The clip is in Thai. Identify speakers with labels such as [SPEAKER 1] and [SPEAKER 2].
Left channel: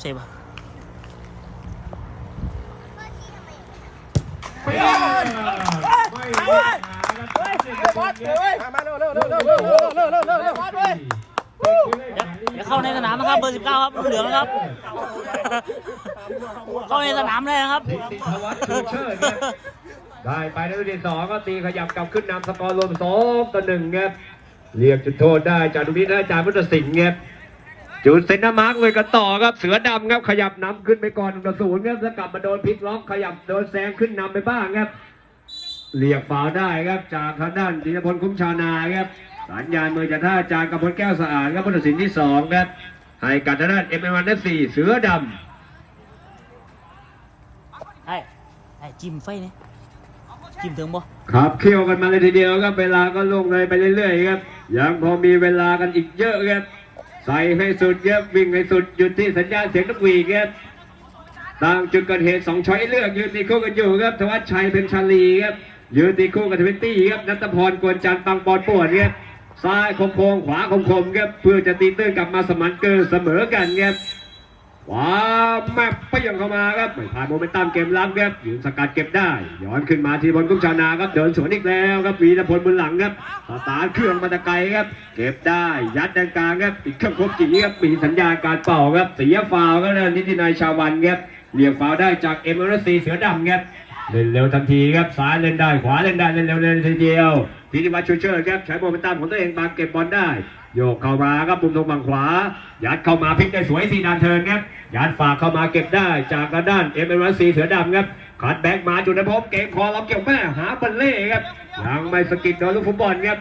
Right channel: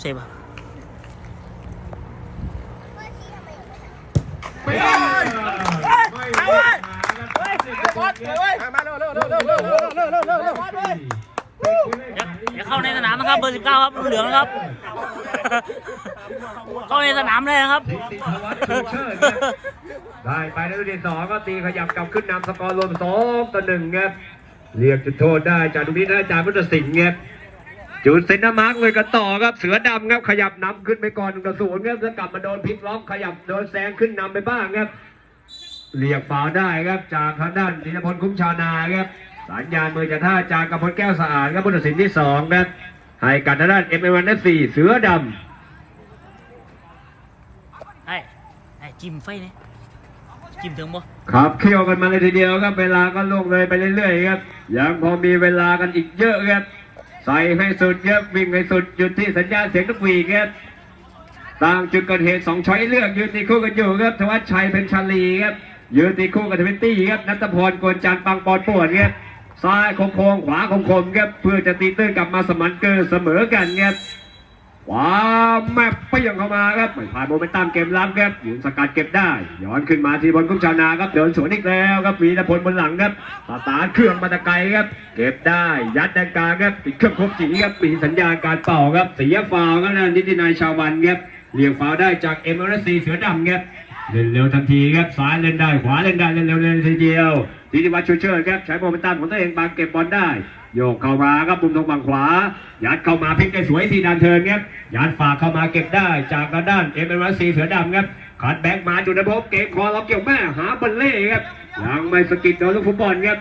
[SPEAKER 1] เซฟครับเดี๋ยวเข้าในสนามนะครับเบอร์สิบเก้าครับเหลืองนะครับ เข้าในสนามเลยนะครับ
[SPEAKER 2] ได้ไปในที่สองก็ตีขยับกลับขึ้นนำสกอร์รวมสองต่อหนึ่งครับเรียกจุดโทษได้จากตรงนี้ได้จากพุทธสิงห์ครับ จุดเซนต์มาร์กเลยกันต่อครับเสือดำครับขยับนำขึ้นไปก่อนหนึ่งต่อศูนย์ครับแล้วกลับมาโดนพลิกล็อกขยับโดนแซงขึ้นนำไปบ้างครับเรียกฝาวได้ครับจากทางด้านธีรพลคุ้มชาวนาครับสัญญาณมือจะท่าจากกระพลแก้วสะอาดครับผู้ตัดสินที่สองนะให้กับทางด้านเอ็มเอวันสี่เสือดำ
[SPEAKER 1] ได้ได้จิ้มไฟนี่จิ้มถึงบ่
[SPEAKER 2] ขับเคี่ยวกันมาเลยทีเดียวครับเวลาก็ลงเลยไปเรื่อยๆครับยังพอมีเวลากันอีกเยอะครับ ใส่ให้สุดเยอะวิ่งให้สุดหยุดที่สัญญาณเสียงนกหวีดครับตามจุดเกิดเหตุสองช้อยเลือกยืนตีคู่กันอยู่ครับธวัชชัยเพ็ญชาลีครับยืนตีคู่กับทวินตี้ครับนัทพรกวนจันทร์ปังปอนปวดครับซ้ายโค้งขวาโค้งๆครับเพื่อจะตีตื้นกลับมาสมันเกินเสมอกันครับ ว้าวแม่เปี้ยงเข้ามาครับไม่ผ่านโมเมนตัมเกมลับครับยิงสกัดเก็บได้ ย้อนขึ้นมาที่บอลกุ้งชาวนาครับเดินสวนอีกแล้วครับวีรพลบนหลังครับสตาเครื่องมาตะไกครับ เก็บได้ยัดในกลางครับอีกเครื่องครบจีครับมีสัญญาการเป่าครับเสียฟาวล์ครับนิตินายชาววันครับเรียกฟาวได้จากเอ็มเอร์ซีเสือดำครับ เล่นเร็วทันทีครับซ้ายเล่นได้ขวาเล่นได้เล่นเร็วเล่นทีเดียวทีนี้มาชูเชิญครับใช้โมเมนตัมของตัวเองบางเก็บบอลได้ โยกเข้ามาครับปุ่มตรงฝั่งขวา ยัดเข้ามาพลิกได้สวยสีดานเทินครับยัดฝากเข้ามาเก็บได้จากกระด้านเอ็มเอ็มซีเสือดำครับขัดแบ็กมาจุดนภพเกมคอเราเกี่ยวแม่หาเบลเล่ครับยังไม่สกิดโดนลูกฟุตบอลครับ